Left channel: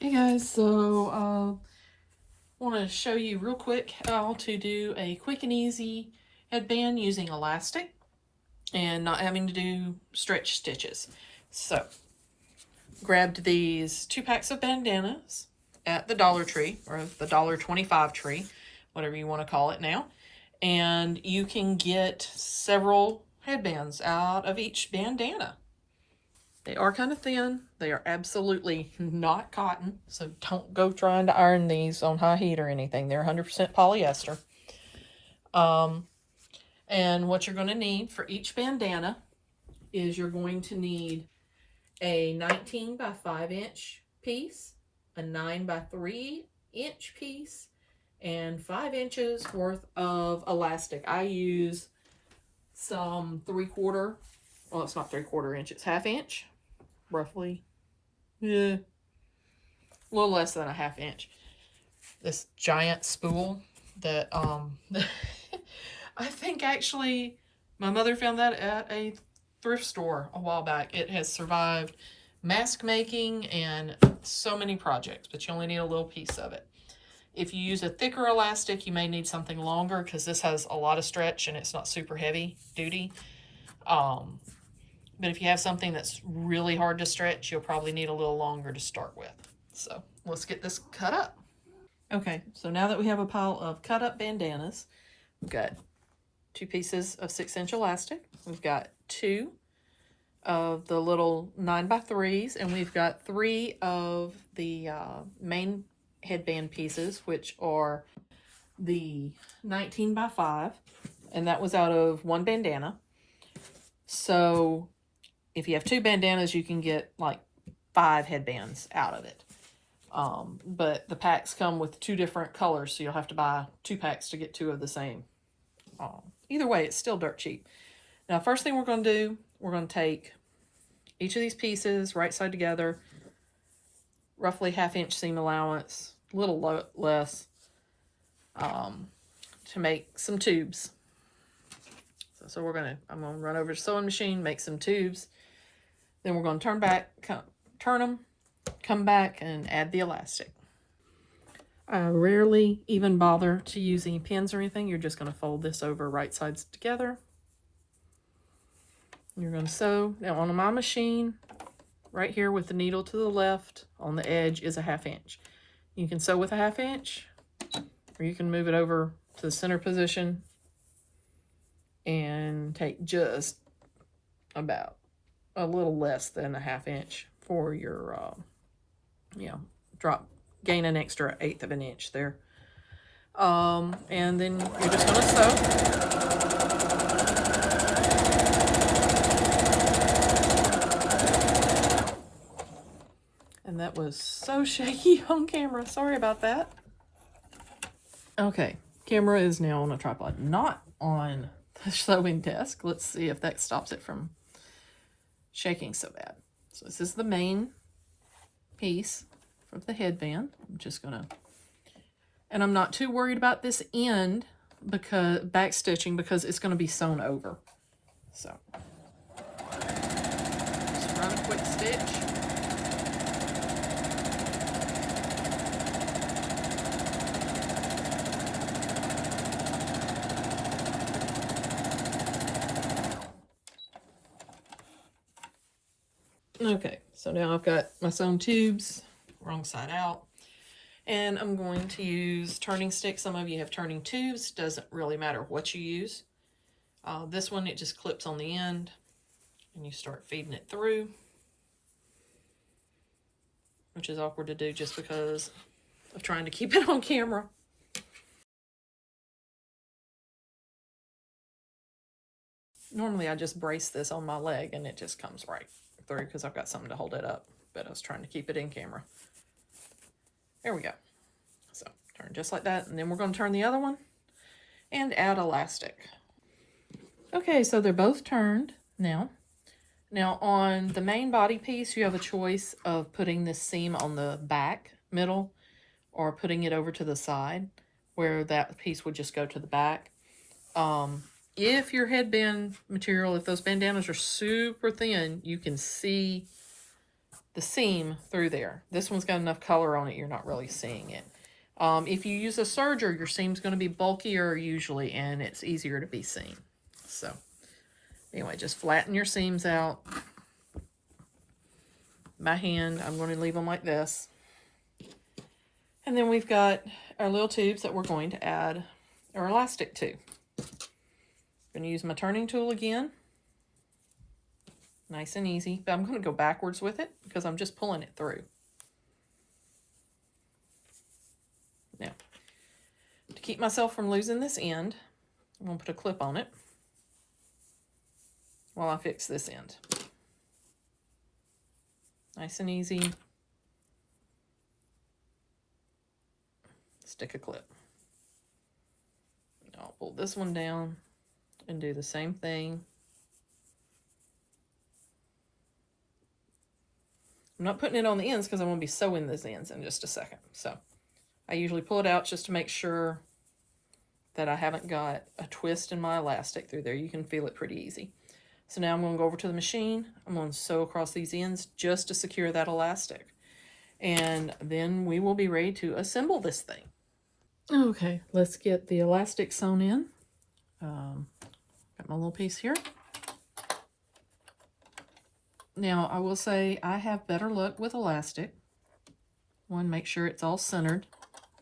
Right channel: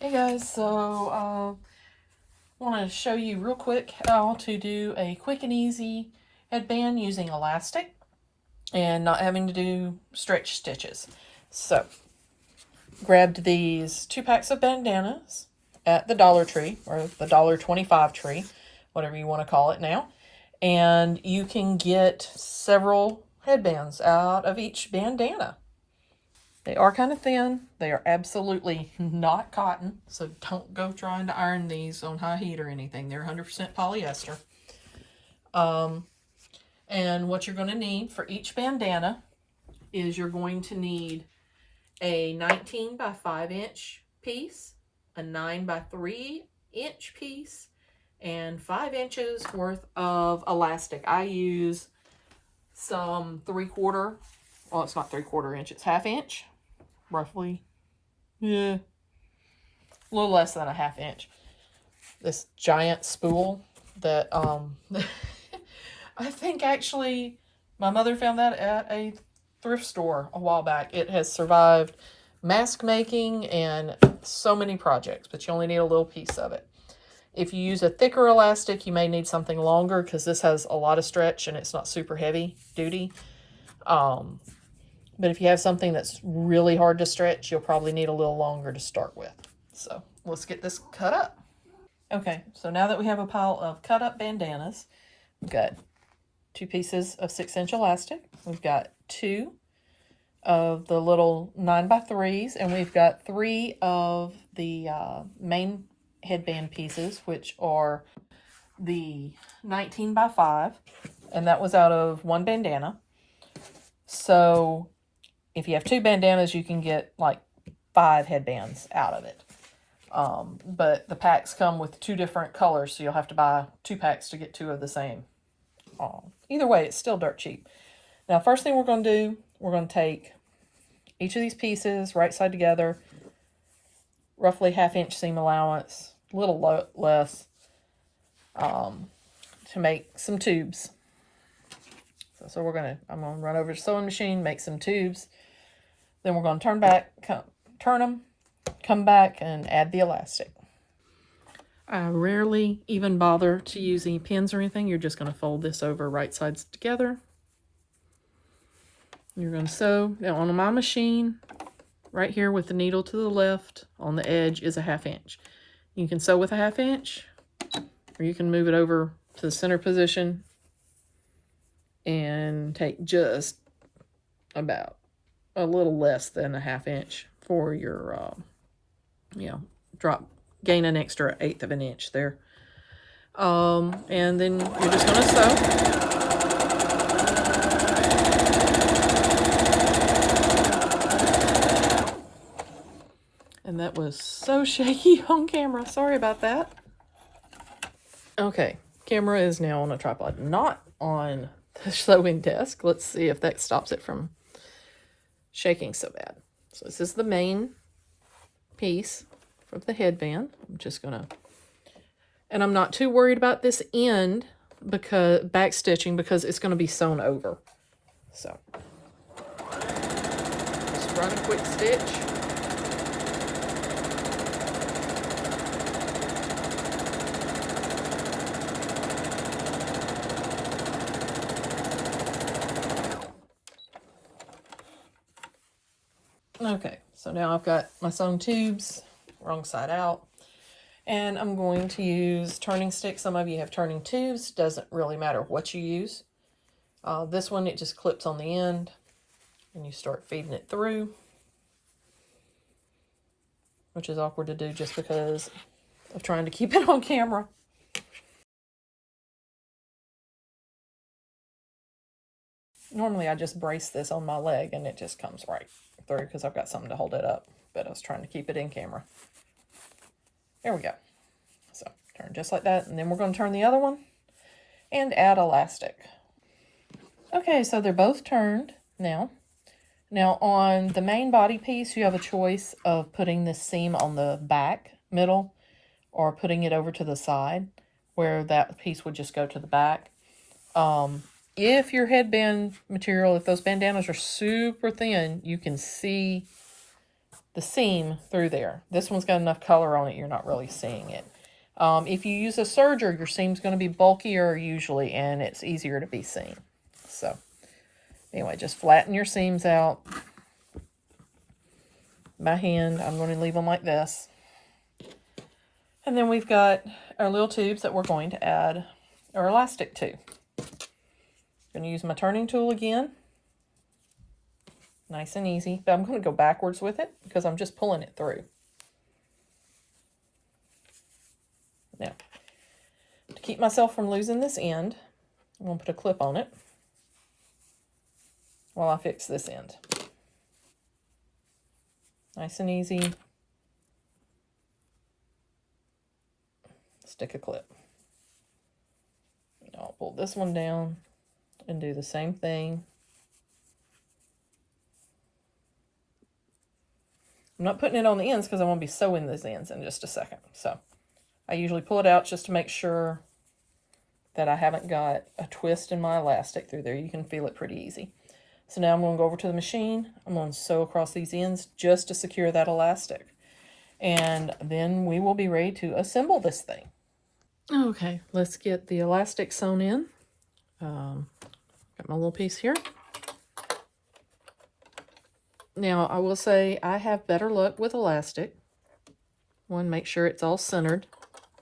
Hey guys, so I want to show you real quick how to do a quick and easy headband using elastic and not having to do stretch stitches. So, grabbed these 2 packs of bandanas at the Dollar Tree, or the $1.25 tree, whatever you want to call it now, and you can get several headbands out of each bandana. They are kind of thin. They are absolutely not cotton, so don't go trying to iron these on high heat or anything. They're 100% polyester. And what you're going to need for each bandana is you're going to need a 19 by 5 inch piece, a 9 by 3 inch piece, and 5 inches worth of elastic. I use some 3/4, well, it's not 3/4 inch, it's 1/2 inch. Roughly, yeah, a little less than a 1/2 inch. This giant spool that I think actually my mother found that at a thrift store a while back. It has survived mask making and so many projects, but you only need a little piece of it. If you use a thicker elastic, you may need something longer because this has a lot of stretch and it's not super heavy duty. But if you have something that's really hard to stretch, you'll probably need a little longer to start with. So let's get this cut up. Okay, so now that we have a pile of cut up bandanas, we've got 2 pieces of 6-inch elastic. We've got 2 of the little 9 by 3s, and we've got 3 of the main headband pieces, which are the 19 by 5, and that was out of 1 bandana. So if you have 2 bandanas, you can get like 5 headbands out of it. But the packs come with 2 different colors, so you'll have to buy 2 packs to get 2 of the same. Either way, it's still dirt cheap. Now, first thing we're going to do, we're going to take each of these pieces right side together, roughly 1/2 inch seam allowance, a little less, to make some tubes. So I'm going to run over to the sewing machine, make some tubes. Then we're going to turn them, come back, and add the elastic. I rarely even bother to use any pins or anything. You're just going to fold this over right sides together. You're going to sew. Now on my machine, right here with the needle to the left, on the edge is a 1/2 inch. You can sew with a 1/2 inch, or you can move it over to the center position and take just about a little less than a 1/2 inch for your, gain an extra 1/8 of an inch there. And then you're just going to sew. And that was so shaky on camera. Sorry about that. Okay, camera is now on a tripod, not on the sewing desk. Let's see if that stops it from shaking so bad. So this is the main piece of the headband. I'm just gonna, and I'm not too worried about this end because back stitching, because it's going to be sewn over. So just run a quick stitch. Okay, so now I've got my sewn tubes, wrong side out, and I'm going to use turning sticks. Some of you have turning tubes, doesn't really matter what you use. This one, it just clips on the end, and you start feeding it through, which is awkward to do just because of trying to keep it on camera. Normally I just brace this on my leg and it just comes right through because I've got something to hold it up, but I was trying to keep it in camera. There we go. So turn just like that, and then we're going to turn the other one and add elastic. Okay, so they're both turned now. Now on the main body piece, you have a choice of putting this seam on the back middle or putting it over to the side where that piece would just go to the back. If your headband material, if those bandanas are super thin, you can see the seam through there. This one's got enough color on it, you're not really seeing it. If you use a serger, your seam's going to be bulkier usually, and it's easier to be seen. So, anyway, just flatten your seams out. By hand, I'm going to leave them like this. And then we've got our little tubes that we're going to add our elastic to. I'm going to use my turning tool again. Nice and easy, but I'm going to go backwards with it because I'm just pulling it through. Now, to keep myself from losing this end, I'm going to put a clip on it while I fix this end. Nice and easy. Stick a clip. I'll pull this one down and do the same thing. I'm not putting it on the ends because I want to be sewing those ends in just a second. So I usually pull it out just to make sure that I haven't got a twist in my elastic through there. You can feel it pretty easy. So now I'm going to go over to the machine. I'm going to sew across these ends just to secure that elastic. And then we will be ready to assemble this thing. Okay, let's get the elastic sewn in. Got my little piece here. Now, I will say I have better luck with elastic. One, make sure it's all centered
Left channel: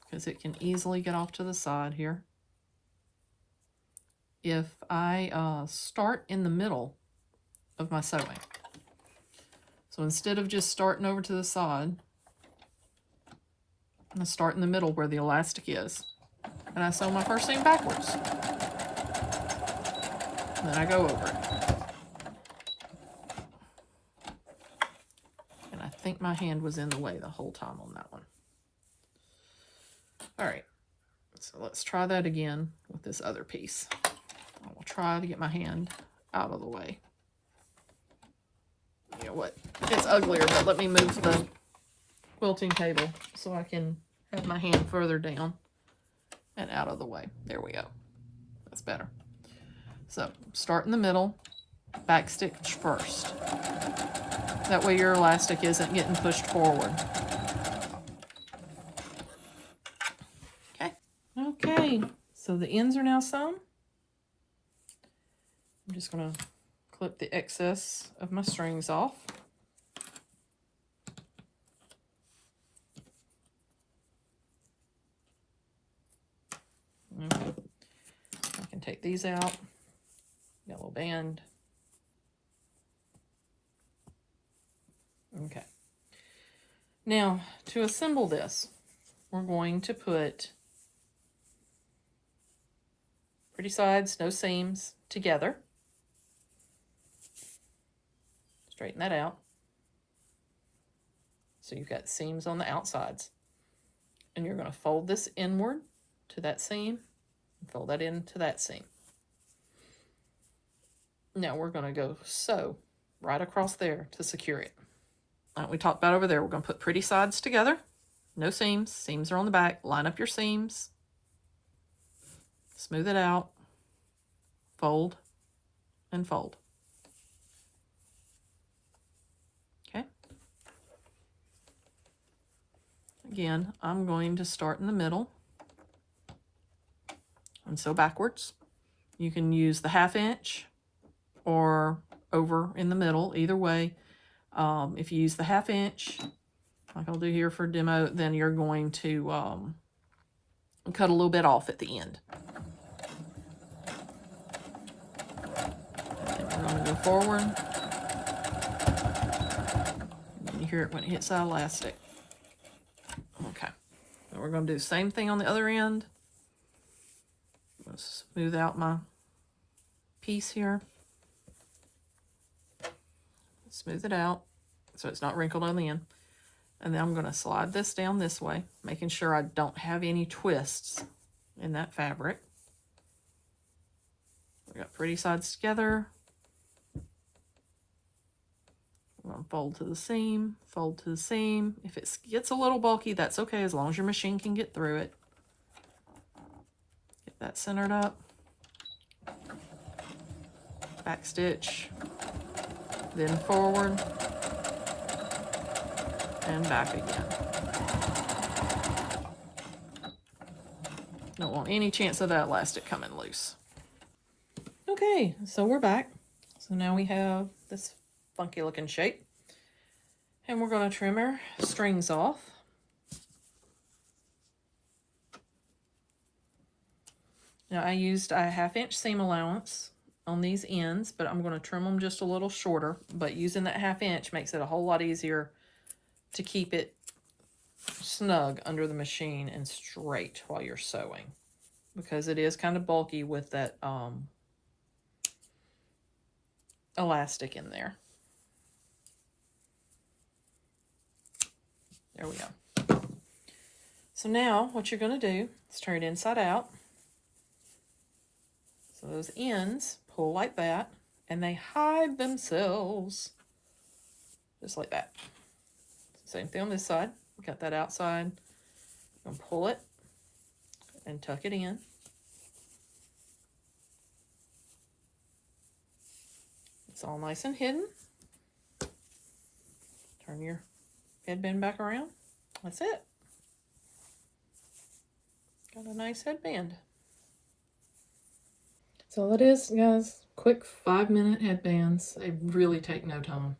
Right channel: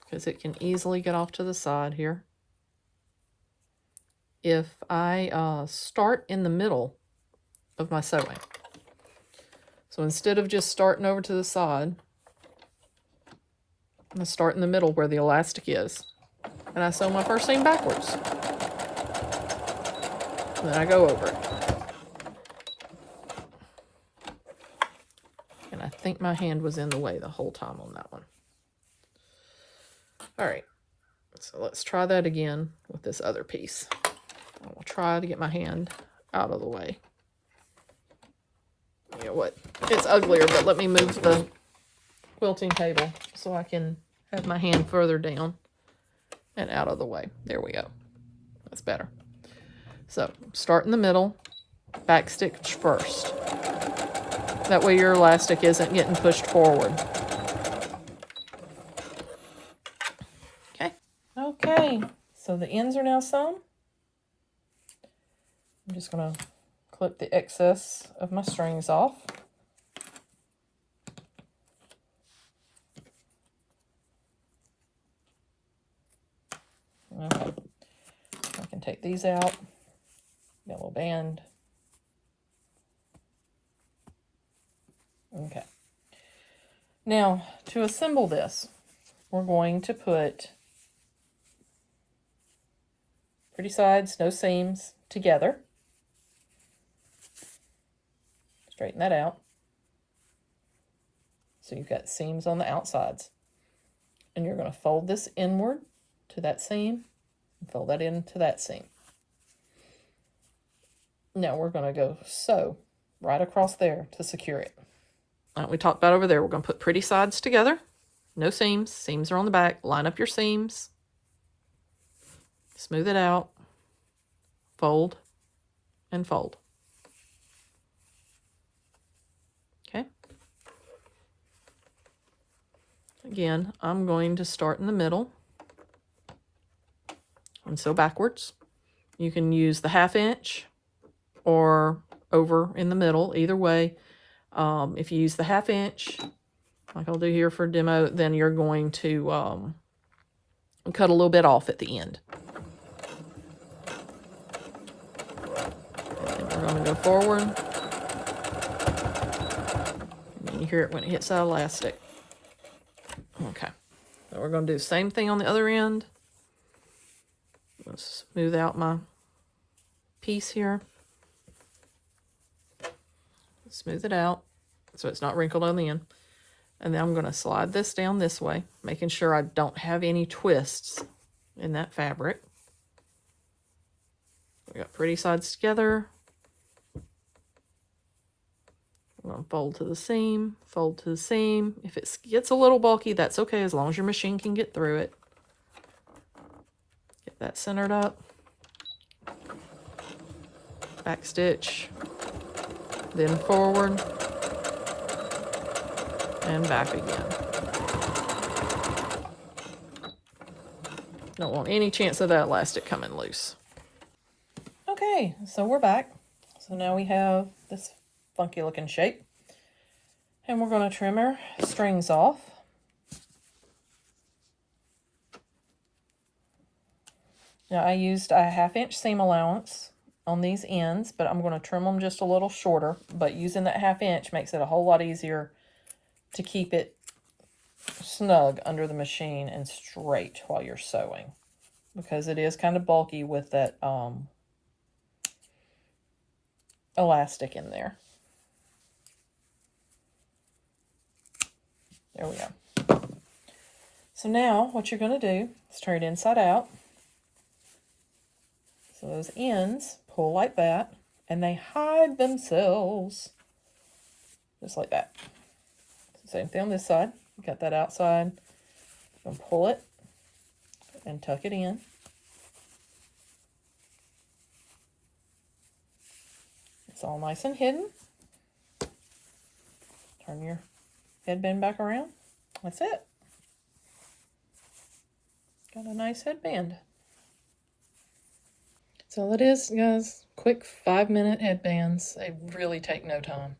because it can easily get off to the side here. If I start in the middle of my sewing, so instead of just starting over to the side, I'm going to start in the middle where the elastic is, and I sew my first seam backwards. Then I go over it. And I think my hand was in the way the whole time on that one. All right, so let's try that again with this other piece. I'll try to get my hand out of the way. You know what? It's uglier, but let me move the quilting table so I can have my hand further down and out of the way. There we go. That's better. So start in the middle, back stitch first. That way your elastic isn't getting pushed forward. Okay. Okay, so the ends are now sewn. I'm just going to clip the excess of my strings off. Okay. I can take these out. Yellow band. Okay. Now, to assemble this, we're going to put pretty sides, no seams, together. Straighten that out. So you've got seams on the outsides. And you're going to fold this inward to that seam and fold that into that seam. Now we're going to go sew right across there to secure it. We talked about over there, we're going to put pretty sides together. No seams. Seams are on the back. Line up your seams. Smooth it out. Fold and fold. Okay. Again, I'm going to start in the middle and sew backwards. You can use the 1/2 inch or over in the middle, either way. If you use the 1/2 inch, like I'll do here for demo, then you're going to cut a little bit off at the end. And we're going to go forward. And you hear it when it hits that elastic. Okay. So we're going to do the same thing on the other end. Let's smooth out my piece here. Smooth it out so it's not wrinkled on the end. And then I'm going to slide this down this way, making sure I don't have any twists in that fabric. We got pretty sides together. We're going to fold to the seam, fold to the seam. If it gets a little bulky, that's okay, as long as your machine can get through it. Get that centered up. Back stitch. Then forward. and back again. Don't want any chance of that elastic coming loose. Okay, so we're back. So now we have this funky looking shape. And we're going to trim our strings off. Now I used a 1/2 inch seam allowance on these ends, but I'm going to trim them just a little shorter. But using that 1/2 inch makes it a whole lot easier to keep it snug under the machine and straight while you're sewing, because it is kind of bulky with that elastic in there. There we go. So now what you're going to do is turn it inside out. So those ends pull like that, and they hide themselves just like that. Same thing on this side. Got that outside. You're going to pull it and tuck it in. It's all nice and hidden. Turn your headband back around. That's it. Got a nice headband. That's all it is, guys. Quick 5-minute headbands. They really take no time.